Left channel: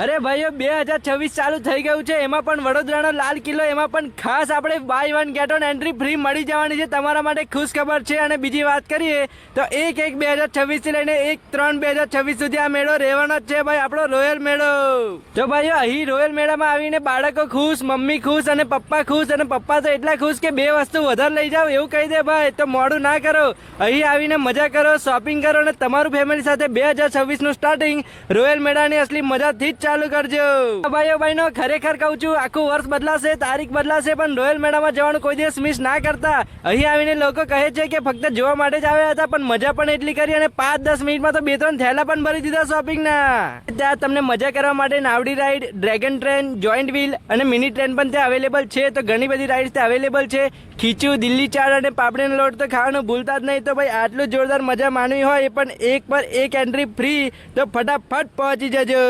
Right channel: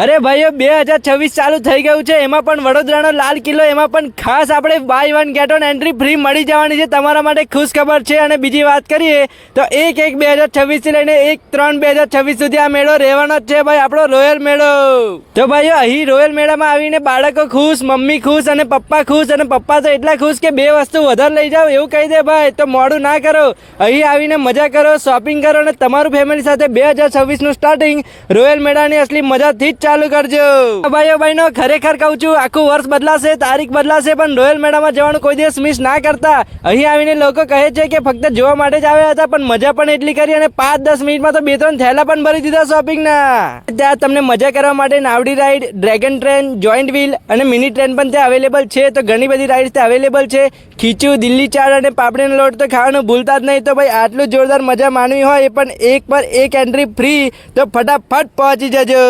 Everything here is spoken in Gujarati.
અરે ભાઈઓ, બે હજાર છવ્વીસ ચાલુ થઈ ગયું છે. એમાં પણ વડોદરાનો લાલ કિલ્લો, એમાં પણ ખાસ આપણે buy one get on entry free મળી જવાની છે. તમારા માટે ખુશ ખબર છે. અને બીજી વાત કરીએ, તો એક એક બે હજાર છવ્વીસથી લઈને એક ત્રણ બે હજાર છવ્વીસ સુધી આ મેળો રહેવાનો જ છે ભાઈ, આપણો રોયલ મેળો. તો ભાઈઓ, અહીં રોયલ મેળામાં આવીને બાળકો ખુશ, મમ્મી ખુશ અને પપ્પા ખુશ અને પપ્પા તો એટલા ખુશ કે બે વસ્તુ વધારે લઈ જાઓ, એવું કહી દે ભાઈ. તો મોડું ના કરો. અહીં આવીને મજા કરો શોપિંગ કરો અને તમારું ફેમિલી સાથે બે હજાર છવ્વીસનું સ્ટાર્ટિંગ રોયલ મેળાની અસલી મજાથી જ ચાલુ કરજો. ભાઈઓ બહેનો, ખરેખર કહું છું, આખું વર્ષ બદલાશે, તારીખ બદલાશે, પણ રોયલ મેળામાં જવાનું કોઈ દિવસ મિસ ના કરતા. અહીં આવીને લોકો કહે છે કે ફક્ત જોવા માટે જ આવ્યા હતા, પણ મજા પણ એટલી કરી અને પાંચ દસ મિનિટમાં તો બે ત્રણ થેલા પણ ભરી દીધા શોપિંગના ત્યાં તમને મજા કરવા માટે નાવડી ride dragon train joint wheel અને મિની ટ્રેન પણ ત્યાં અવેલેબલ છે. તો ઘણી બધી રાઈડ્સ ત્યાં અવેલેબલ છે. ખીચું, દિલ્હી ચાટ અને પાપડીનો લોટ તો ખાવાનું ભૂલતા જ નહીં. તો ભાઈ, આટલું જોરદાર મજા માણવી હોય, એ પણ એક પર એક એન્ટ્રી ફ્રી તો ફટાફટ પહોંચી જજો.